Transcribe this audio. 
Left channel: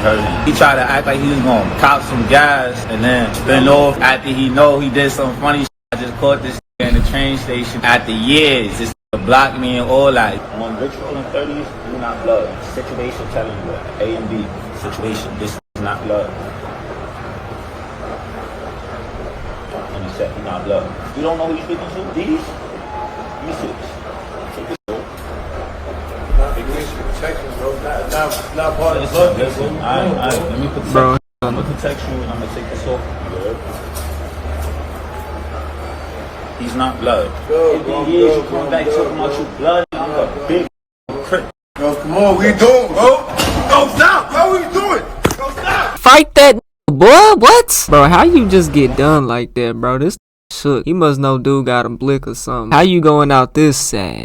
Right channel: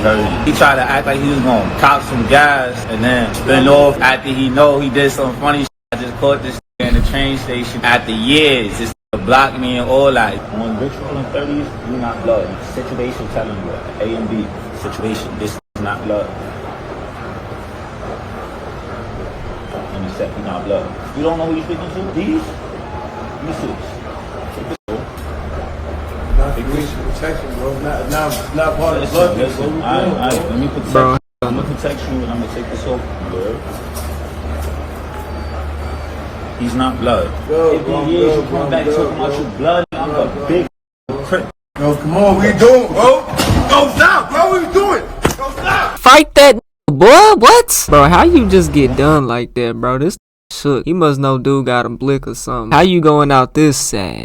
He tried to act like he was gonna cop some gas and then spin off after he know he did some funny shit. I just caught this in the train station after years. This blocked me and all that. When Richard from the 30s, you're not blood. Situation telling you. A and B. Situation. This is not blood. You said you're not blood. You don't know these people do these? Bro, he's not blood. Yo, come on, we do it, bro. Go stop, bro, we do it. fight that boy, what? Bro, how you just get done like that, bro? This shook. He must know dude got a blick or something. How you going out this sad?